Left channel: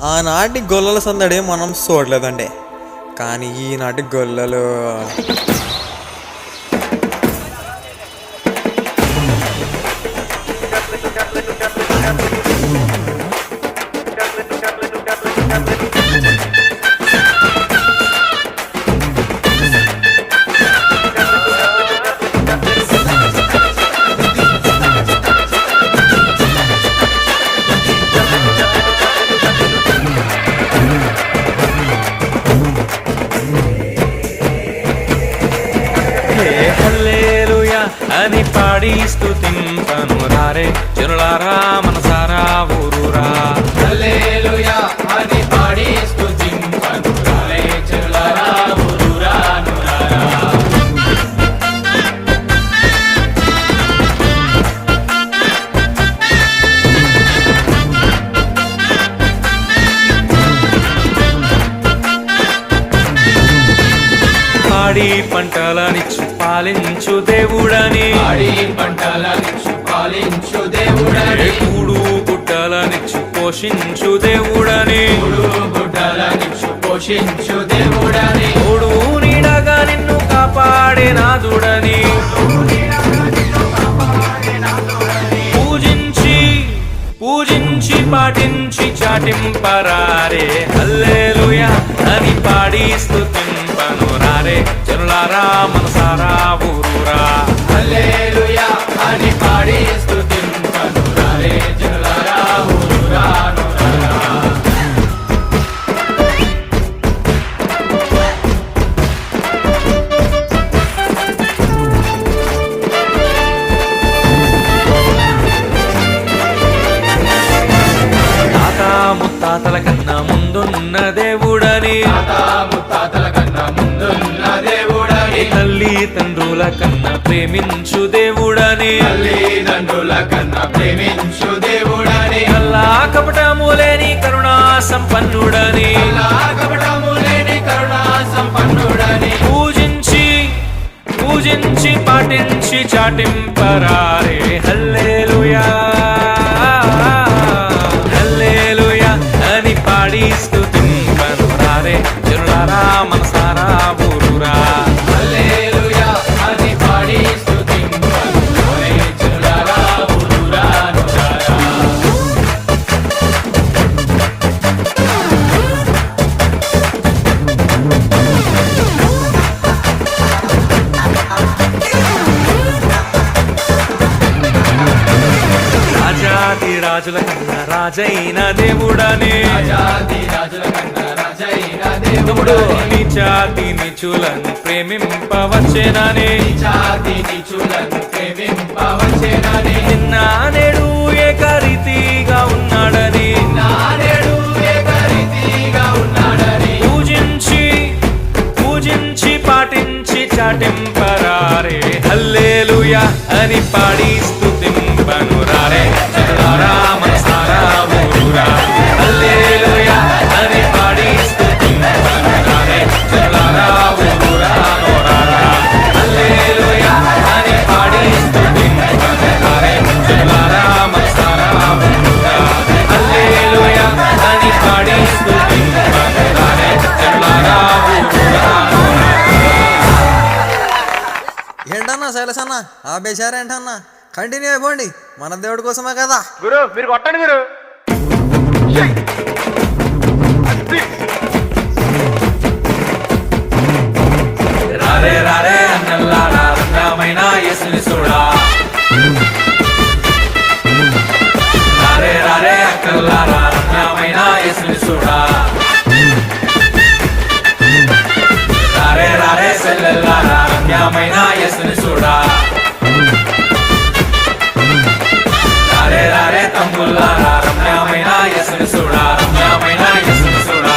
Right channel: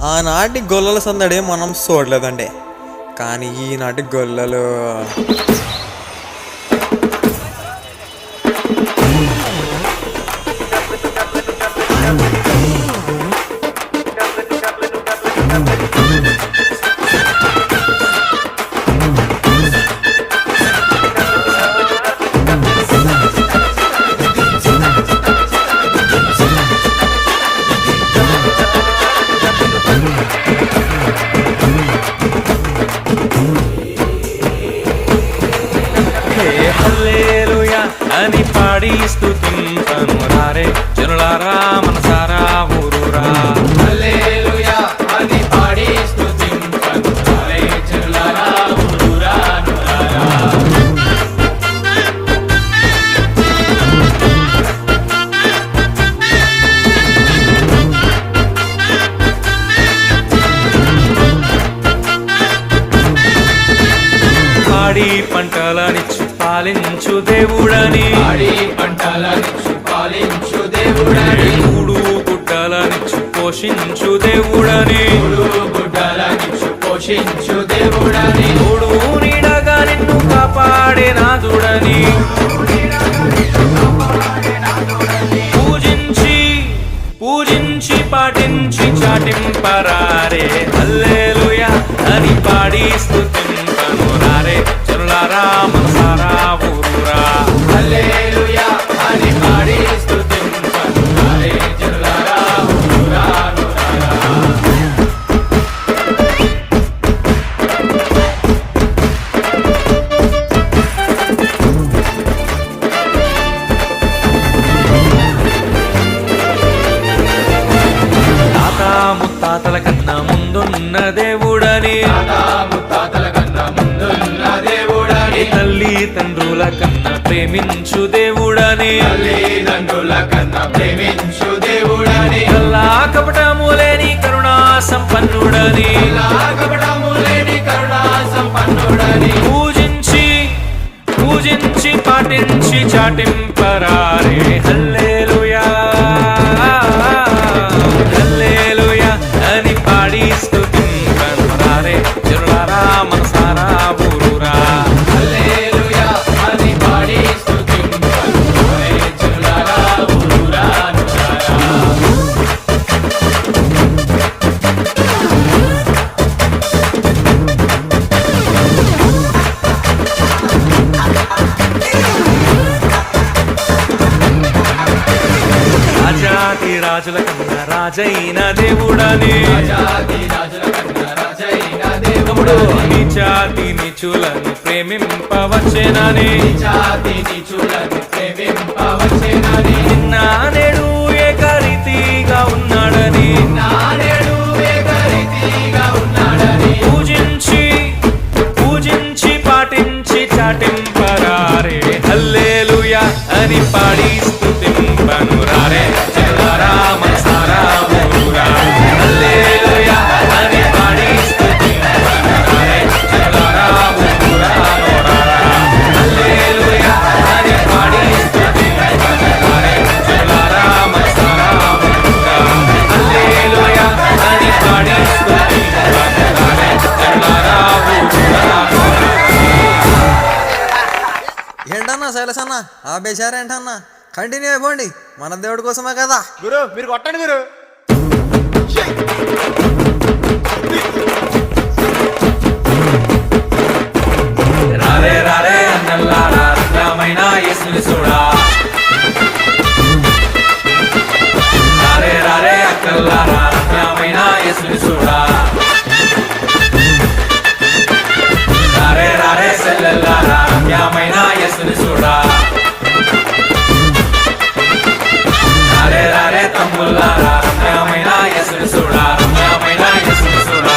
ఆనాటి గొల్లల సందడి మనం చూడలేదండి. కానీ ఈనాటి గొల్లలు హల్లెలూయా అని పాడి స్తుతింపను రారే జనులారా మనసారా ఊరూరా. హల్లెలూయా అని పాడి స్తుతింపను రారే జనులారా ఊరూరా నూరారా. పాడి పంటలనిచ్చు పాలించు దేవుడని, పాడి పంటలనిచ్చు పాలించు దేవుడని, కూడు గుడ్డలనిచ్చు పోషించు దేవుడని, మూడు గుడ్డలనిచ్చు పోషించు దేవుడని, తోడు నీడగా నిన్ను కాపాడే నాదుడని పూజించి పాటించి చాటింపరారే హల్లెలూయా అని పాడి స్తుతింపను రారే జనులారా మనసారా ఊరూరా. హల్లెలూయా అని పాడి స్తుతింపను రారే జనులారా ఊరూరా నూరారా. ముత్తాతల కన్నా ముందున్న దేవుడని, ముత్తాతల కన్నా ముందున్న దేవుడని, తల్లి తండ్రుల కన్నా ప్రేమించు దేవుడని, తల్లిదండ్రుల కన్నా ప్రేమించు దేవుడని, కల్లా కపటము లేని కరుణా సంపన్నుడని, కపటము లేని కరుణా సంపన్నుడని, పూజించి పాటించి చాటింపరారే హల్లెలూయా అని పాడి స్తుతింపను రారే జనులారా మనసారా ఊరూరా. హల్లెలూయా అని పాడి స్తుతింపను రారే జనులారా ఊరూరా నూరారా. రాజాది రాజుల కన్నా రాజైన దేవుడని, రాజాది రాజుల కన్నా రాజైన తమ్ముడు దేవుడని, నీచాతి నీచులను ప్రేమింపవచ్చేనని, జాతి నీచులను ప్రేమింపవచ్చేనని, నిన్న నేడు ఏకరీతిగా ఉన్నాడని, నానేడు ఏకరీతిగా ఉన్నాడని, పూజించి పాటించి చాటింపరారే హల్లెలూయా అని పాడి స్తుతింపను రారే జనులారా మనసారా ఊరూరా. హల్లెలూయా అని పాడి స్తుతింపను రారే జనులారా ఊరూరా నూరారా. హల్లెలూయా అని పాడి స్తుతింపను రారే జనులారా మనసారా ఊరూరా. హల్లెలూయా అని పాడి స్తుతింపను రారే జనులారా ఊరూరా నూరారా. ఏంటన్నా శైలసన్న ఆ బేచారేంటన్నా? కంటిన్యూ అయిపోండి, మన దేవుడి కోసమే కదా. గురు మీరు కొట్టండి గురు. రారే రారే అన్నల్లారా రంగమైన యేసుని చూడా. రారే రారే అక్కల్లారా రంగమైన యేసుని చూడా. రారే రారే సెల్లెల్లారా రంగమైన యేసుని చూడా. రారే రారే తమ్ముల్లారా రమ్యమైన యేసుని చూడా. రమ్యమైన యేసుని చూడా.